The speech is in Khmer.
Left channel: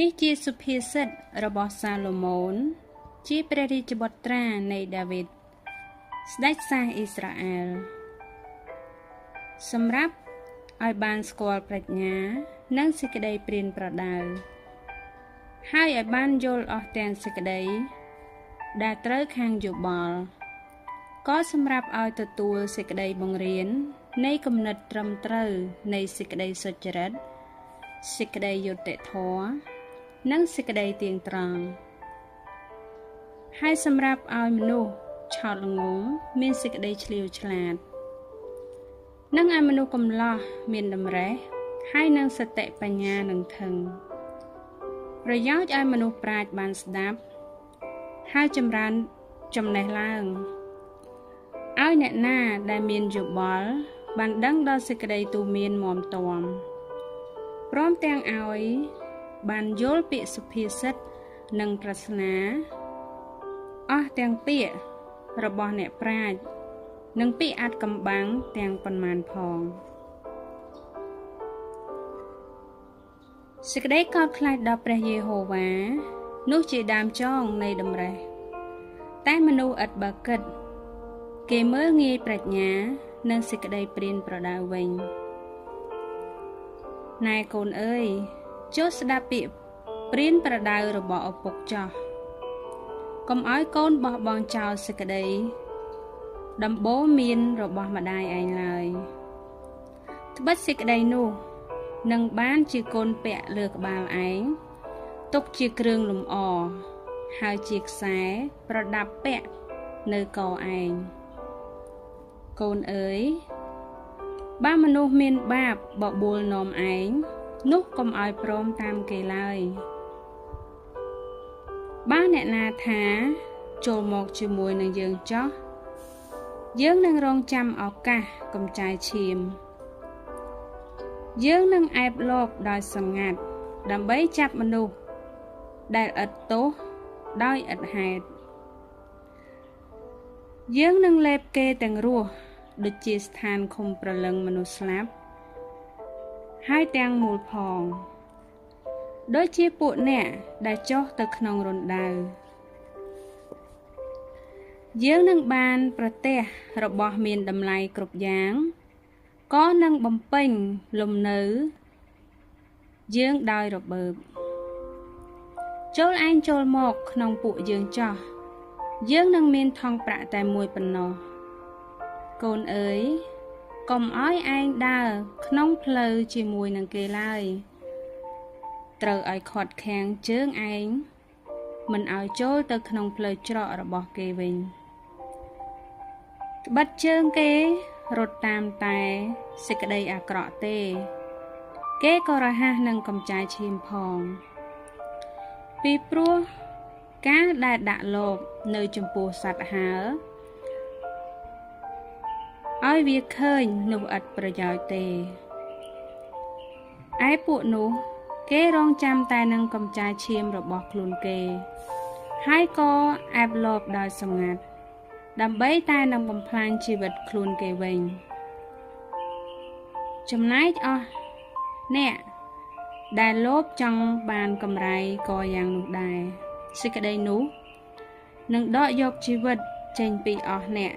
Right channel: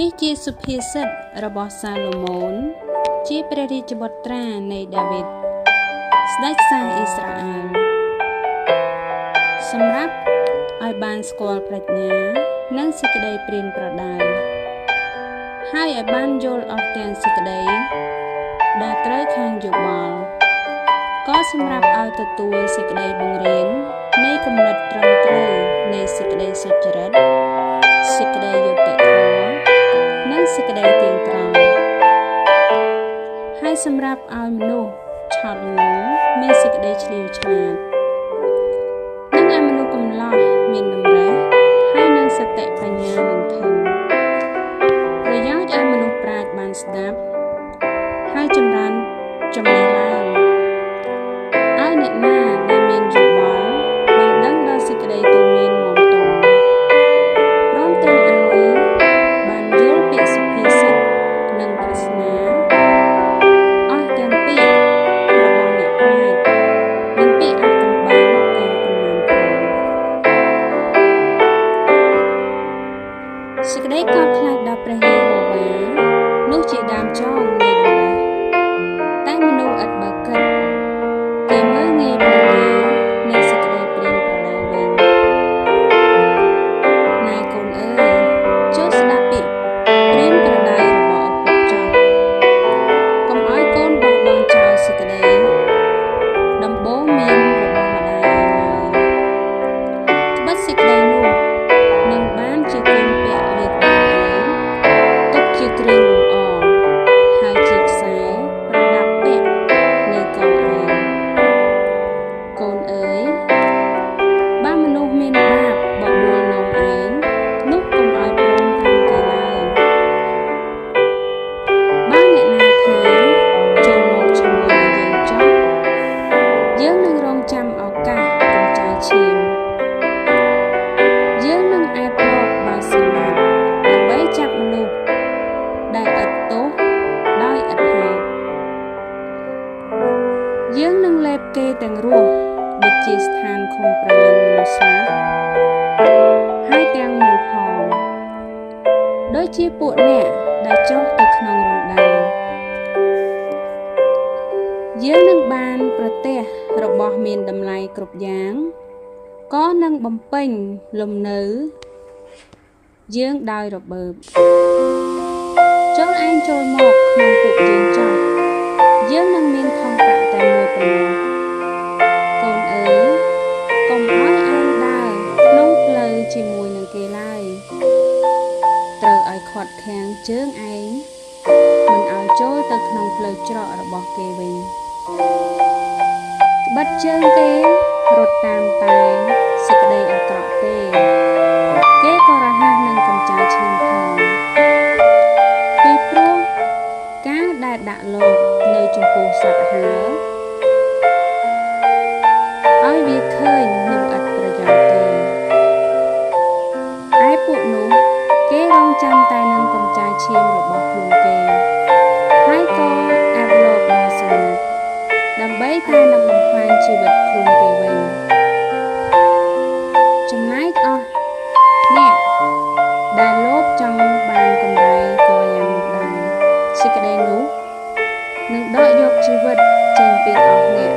នេះជាសុភាសិតរបស់សាឡូមោនជាព្រះរាជបុត្រានៃដាវីតស្ដេចសាសអ៊ីស្រាអែលសម្រាប់ឲ្យបានស្គាល់ប្រាជ្ញានិងសេចក្តីព្រានប្រដៅហើយឲ្យបានយល់អស់ទាំងសេចក្តីដែលត្រូវខាងយោបល់ក៏សម្រាប់ឲ្យទទួលសេចក្តីបង្រៀននៃគំនិតត្រឹមត្រូវនៃសេចក្តីសុចរិតសេចក្តីយុត្តិធម៌និងសេចក្តីទៀងត្រង់ហើយសម្រាប់ឲ្យមនុស្សឆោតល្ងង់មានសេចក្តីឆ្លៀវឆ្លាតនិងឲ្យមនុស្សកំឡោះមានតម្រេះហើយនឹងសតិបញ្ញានឹងធឹងប្រយោជន៍ឲ្យមនុស្សប្រាជ្ញបានស្ដាប់ហើយចម្រើនចំណេះឡើងឲ្យអ្នកណាដែលមានយោបល់បានដឹងដល់សេចក្តីទូន្មានមាំទាំព្រមទាំងឲ្យបានយល់ពាក្យសុភាសិតនិងប្រស្នាអស់ទាំងពាក្យរបស់អ្នកប្រាជ្ញនិងពាក្យអាថ៌កំបាំងទាំងប៉ុន្មានផងសេចក្តីកោតខ្លាចដល់ព្រះយេហូវ៉ានោះជាដើមចងនៃដំណេះតែមនុស្សឥតបើគិតគេមើលងាយប្រាជ្ញានិងសេចក្តីព្រានប្រដៅវិញណែកូនអើយចូលស្ដាប់ពាក្យព្រានប្រដៅរបស់ឪពុកចុះកុំឲ្យកូនបោះបង់ចោលសេចក្តីដំបូងមានរបស់ម្ដាយឯងឡើយត្បិតសេចក្តីនោះនឹងបានជាកូនពាក់លើក្បាលឯងទុកជាគ្រឿងលម្អហើយជាខ្សែប្រដាប់ពាក់នៅកឯងកូនអើយបើមនុស្សមានបាបបបួលនាំឯងនោះកុំឲ្យព្រមតាមគេឡើយបើអ្នកណាថាចូលមកជាមួយនឹងយើងចុះយើងនឹងរងចាំឱកាសកំចាយឈាមយើងនឹងអែបរកបើសម្ងាត់ដើម្បីចាប់មនុស្សដែលឥតទោសដោយឥតហេតុយើងនឹងលេបគេទាំងរស់ដូចជាស្ថានឃុំប្រលឹងមនុស្សស្លាប់ហើយទាំងមូលផងដូចជាពួកអ្នកដែលចុះទៅក្នុងរណ្ដៅយើងនឹងបានប្រទះរបស់មានតម្លៃគ្រប់យ៉ាងក៏នឹងបំពេញលំនៅយើងដោយរបើបចូលឯងចូលមកក្នុងពួកយើងចោះយើងនឹងមានថង់ប្រាក់តែមួយប៉ុណ្ណោះកូនអើយកុំឲ្យឯងដើរក្នុងផ្លូវជាមួយនឹងគេឡើយត្រូវឲ្យខាត់ខាំងជើងឯងមិនឲ្យចូលទៅក្នុងផ្លូវច្រករបស់គេវិញក្បិតជើងគេរត់តាមតែសេចក្តីអាក្រក់ទេគេក៏រហ័សនឹងកំចាយឈាមផងពីព្រោះការដែលដាក់លោកនៅចំពោះសត្វហើឲ្យវាឃើញនោះឥតប្រយោជន៍ទេឯពួកនោះគេរងចាំតែនឹងកំចាយឈាមរបស់ខ្លួនគេហើយក៏អែបលោកដល់សម្ងាត់ដើម្បីតែនឹងបំផ្លាញជីវិតខ្លួនគេវិញចំណែកអស់អ្នកដែលលោភចង់បានកម្រៃក៏យ៉ាងនោះដែរសេចក្តីនោះនឹងដកយកជីវិតចេញពីអស់អ្នក